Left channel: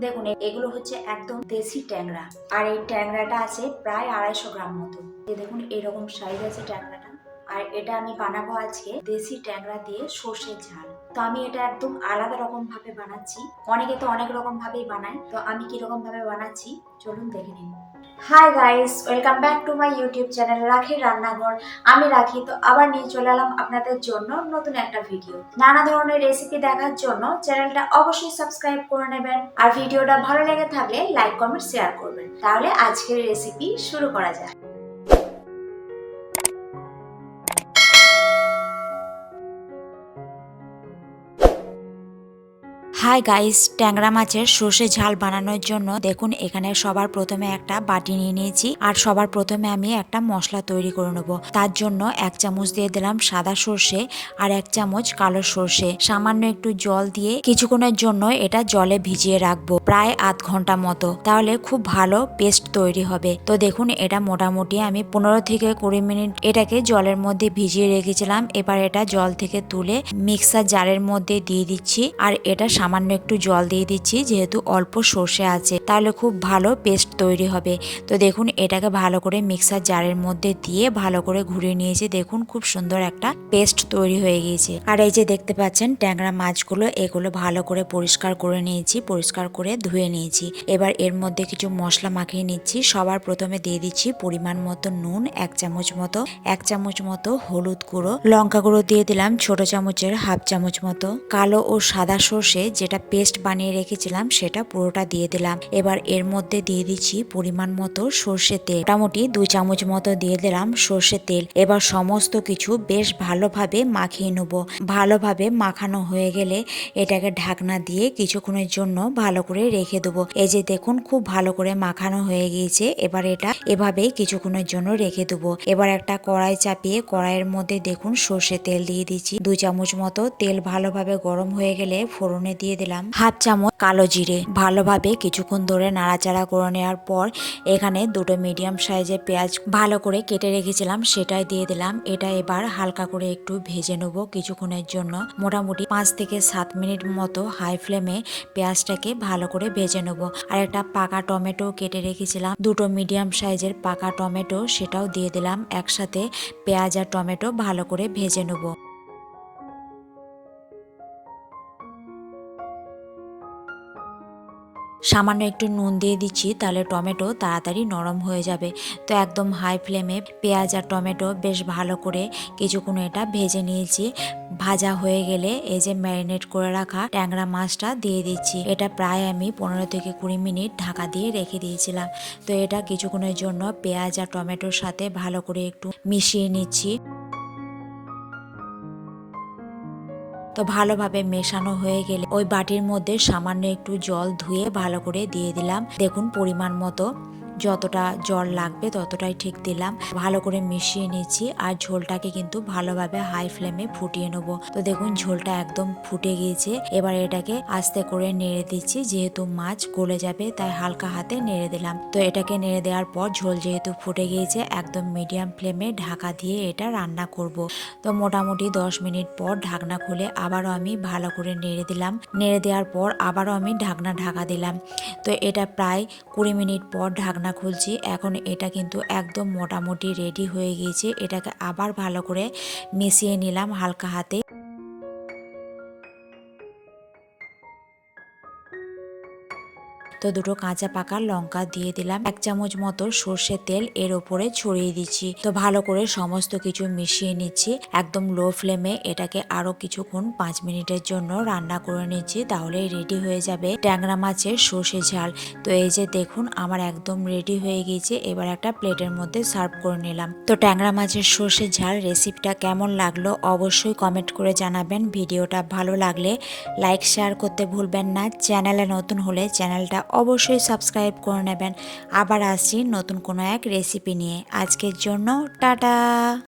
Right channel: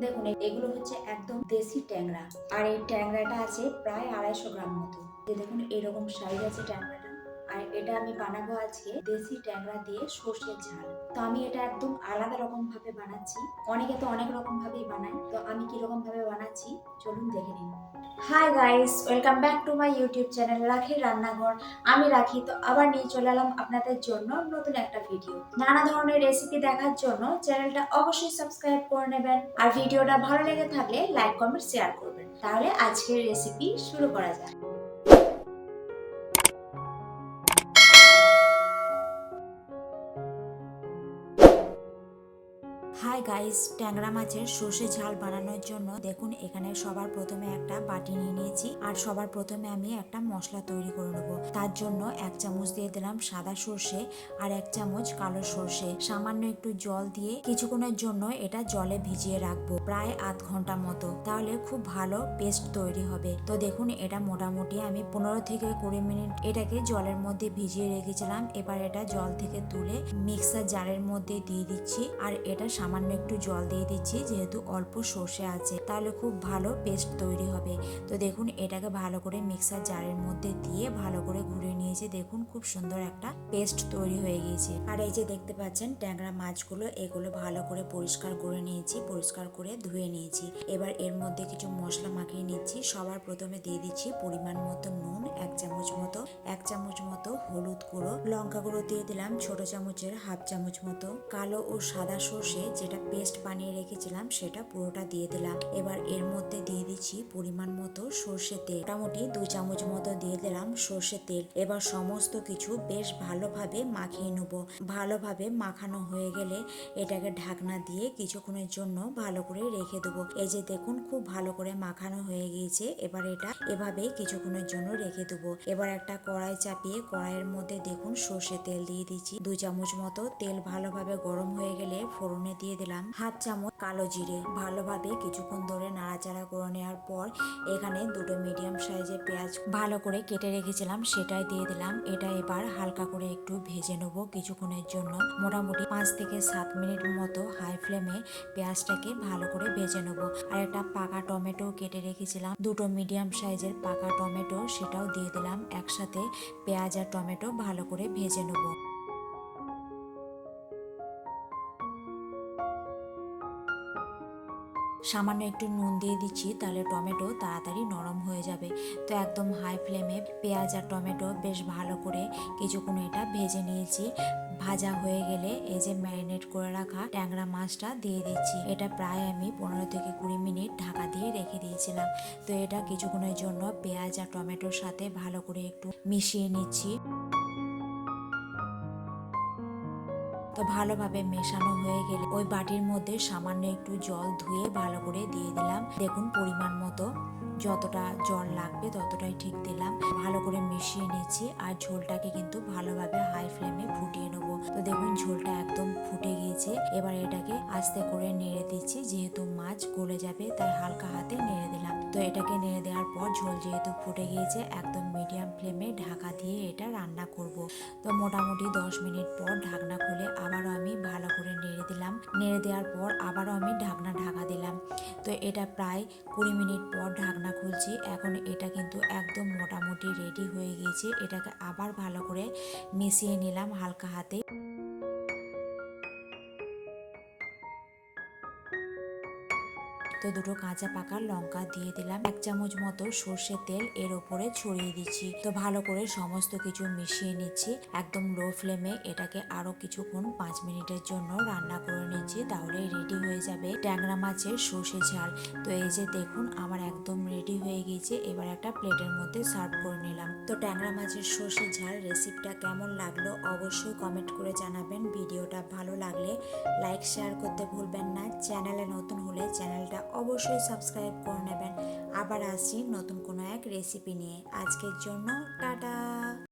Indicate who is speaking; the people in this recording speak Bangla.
Speaker 1: দেখুন এগুলো হচ্ছে একদম দেশি ট্যাংরা। আর এই ট্যাংরাটা আছে প্রায় আড়াইশো গ্রাম মতো। দেখুন, এরকম সাইজ আছে ট্যাংরাটা। আর এটা আমি বানাবো আজকে দেশি ট্যাংরা দিয়ে সর্ষের ঝাল। তো আমি এটা একদম আলাদা রকম ভাবে বানাচ্ছি। অনেকে তো অনেক রকম ভাবেই বানায়। তো আমি কীরকম ভাবে বানাচ্ছি, চলুন দেখে নিন hi guys welcome back to my YouTube channel Rakhi Rannaghor. আমি রাখি, তো আবার নিয়ে চলে এলাম আপনাদের জন্য নতুন একটা ভিডিও নানা ধরনের রেসিপি দেখার জন্য চ্যানেলটা অবশ্যই সাবস্ক্রাইব করে নেবেন। আর ভিডিওটা ভালো লেগে থাকলে লাইক কমেন্ট শেয়ার করবেন। তাহলে আজকের রেসিপি শুরু করা যাক। হাই গাইস ট্যাংরা মাছের সর্ষে ঝাল বানানোর জন্য দেখুন, এখানে সবার প্রথমে একটা বাটি নিয়ে নিয়েছি আর সবার প্রথমে আমি একটা মশলা তৈরি করে নেব। তার জন্য এক চামচ দিয়ে দিলাম সাদা সর্ষে আর এক চামচ কালো সর্ষে। সামান্য একটু জল দিয়ে কিছুক্ষণের জন্য এটা জলে ভিজিয়ে রাখব প্রায় আধ ঘণ্টা মতো। তাহলে খুব ভালো পেস্ট তৈরি হবে। তো দেখুন, এটা মোটামুটি আমি পনেরো থেকে কুড়ি মিনিট এটাকে জলের মধ্যে ভিজিয়ে রেখেছিলাম। এবার এটা জল থেকে তুলে মিক্সার জারের মধ্যে দিয়ে দিচ্ছি আর এটা সামান্য একটু জল দিয়ে দিচ্ছি, যেহেতু অল্প সর্ষে আছে, তাহলে খুব ভালো পেস্ট তৈরি হবে। তো দেখুন, এটাকে ভালো করে মিক্সার জারের মধ্যে দিয়ে ভালো করে ঘুরিয়ে নিয়েছি। দেখুন, খুব সুন্দর একটা পেস্ট তৈরি হয়ে গিয়েছে। আর এই যে দেখতে পাচ্ছেন, ট্যাংরা মাছগুলো, এগুলো ভালো করে পরিষ্কার করে নিয়েছি, পরিষ্কার করে ধুয়ে নিয়েছি। এবার এর মধ্যে কিছু মশলা মাখিয়ে নিচ্ছি। সবার প্রথমে দিয়ে দিচ্ছি পরিমাণ মতো নুন, এক চামচ মতো, এক চামচ মতো হলুদ গুঁড়ো, লঙ্কা গুঁড়ো দিয়ে দিলাম, ছোট চামচের হাফ চামচ মতো, কালো ও সাদা সর্ষে যেটা পেস্ট বানিয়ে রেখেছিলাম, সেটা পুরোটা দিয়ে দিলাম। এবার এর মধ্যে দিয়ে দিচ্ছি পরিমাণ মতো সর্ষে তেল। মোটামুটি দুই চামচ মতো দিয়ে দিলাম সর্ষে তেল। এবার সমস্ত কিছু বেশ ভালোভাবে মাখিয়ে নেব। ভালোভাবে মাখানো হয়ে গেলে এটাকে ঢাকনা দিয়ে কিছুক্ষণের জন্য ভালো করে রেখে দেবো। এই যে দেখুন, খুব ভালো করে মাখানো হয়ে গিয়েছে। এবার এটা এভাবে কিছুক্ষণের জন্য রেখে দেবো। এবার একটা কড়াই চাপিয়ে কড়াইয়ের মধ্যে দেখুন সর্ষে তেল দিয়ে দিচ্ছি। দুই চামচ মতো তেল ভালোভাবে গরম হয়ে গেলে ফোড়নে দিয়ে দিলাম হাফ চামচ কালো জিরে। ভালোভাবে কিছুক্ষণ ধরে নাড়াচাড়া করে নেওয়ার পর এখানে দুটো মিডিয়াম সাইজের পেঁয়াজ ভালো করে কেটে রেখেছিলাম, সেটাই দিয়ে দিলাম। এটা এবার হালকা করে একটু ভেজে নেব কিছুক্ষণের জন্য। মোটামুটি পাঁচ থেকে সাত মিনিট মতো হাই ফ্লেমে পেঁয়াজটাকে ভালো করে ভেজে নেব। আর একটা পাকা টমেটো কেটে রেখেছিলাম। দুটো মিডিয়াম সাইজের পাকা টমেটো, সেটাও দিয়ে দিলাম। একসাথে পেঁয়াজ আর টমেটো ভালো করে ভেজে নেব। সামান্য একটু নুন দিয়ে দিচ্ছি, তাহলে টমেটো তাড়াতাড়ি নরম হয়ে যাবে। তো একদম হাই ফ্লেমে পেঁয়াজ আর টমেটো বেশ ভালো করে কিছুক্ষণ এটা ভেজে নিয়েছি। ভাজা হয়ে গেলে এই যে ম্যারিনেট করে রাখা ট্যাংরা মাছটা দিয়ে দিচ্ছি। এটা প্রায় আমি পনেরো থেকে কুড়ি মিনিট ঢাকা দিয়ে রেখে দিয়েছিলাম। তো এটা কিছুক্ষণের জন্য পেঁয়াজ আর টমেটোর সাথে ভালো করে একটু মিশিয়ে নিচ্ছি। তো ভালোভাবে মেশানো হয়ে গেলে ওই বাটির মধ্যে সামান্য একটু জল ধুয়ে ভালো করে দিয়ে দিলাম। দেখুন পরিমাণ মতো। যতটা জল লাগবে ততটাই ঠিক দিলাম। ভালো করে মিশিয়ে নিচ্ছি আর ঝোলটাকে কিন্তু ভালোভাবে হাই ফ্লেমে ফুটিয়ে নেব। তো দেখুন, ঝোলটা একদম ফুটে গিয়েছে। এবার এটাকে আস্তে করে নেড়ে দিচ্ছি, যেহেতু মাছ গলে যাবে, তাই হালকা হাতে নেড়ে দিলাম। তো এটাকে নেড়ে দেওয়ার পর ঝোল যেহেতু ফুটে গিয়েছে, একদম মিডিয়াম ফ্লেমে ঢাকা দিয়ে এটা রান্না করব। তো মোটামুটি দশ মিনিট পর ঢাকনা খুলে আবারও আমি ভালো করে নেড়ে দিলাম। নেড়ে দেওয়ার পর আবারও আমি ঢাকনা ঢাকা দিলাম। তো এটা প্রায় কুড়ি মিনিট পর ঢাকনা খুলছি। এখন এটা কিন্তু একদম মোটামুটি রেডি হয়ে গিয়েছে। এটাকে আবার ভালো করে মিশিয়ে নিলাম হালকা হাতে। তো দুটো কাঁচা পাকা লঙ্কা দিয়ে দিলাম। এক চামচ মতো সর্ষের তেল এর ওপরে ছড়িয়ে দিচ্ছি। তো ভালো করে সমস্ত কিছু মিশিয়ে নিচ্ছি। একদম লো ফ্লেমে এটাকে আরও কিছুক্ষণ পাঁচ মিনিটের জন্য রান্না করে নিচ্ছি তাহলে রেডি হয়ে যাবে ট্যাংরা মাছের সর্ষে ঝাল। তো এই যে দেখুন, আমার একদম রেডি হয়ে গিয়েছে। এবার একটা প্লেটের মধ্যে সার্ভ করে নিলাম। তো ট্যাংরা মাছের সর্ষে ঝাল রেসিপিটা কেমন লাগল অবশ্যই কমেন্ট করে জানাবেন। ভিডিওটা ভালো লাগলে লাইক শেয়ার করতে ভুলবেন না। চ্যানেলে নতুন হলে চ্যানেলটা অবশ্যই সাবস্ক্রাইব করে নেবেন। আবার আসছি নতুন কোনো এক রেসিপি নিয়ে। আজকের জন্য টাটা!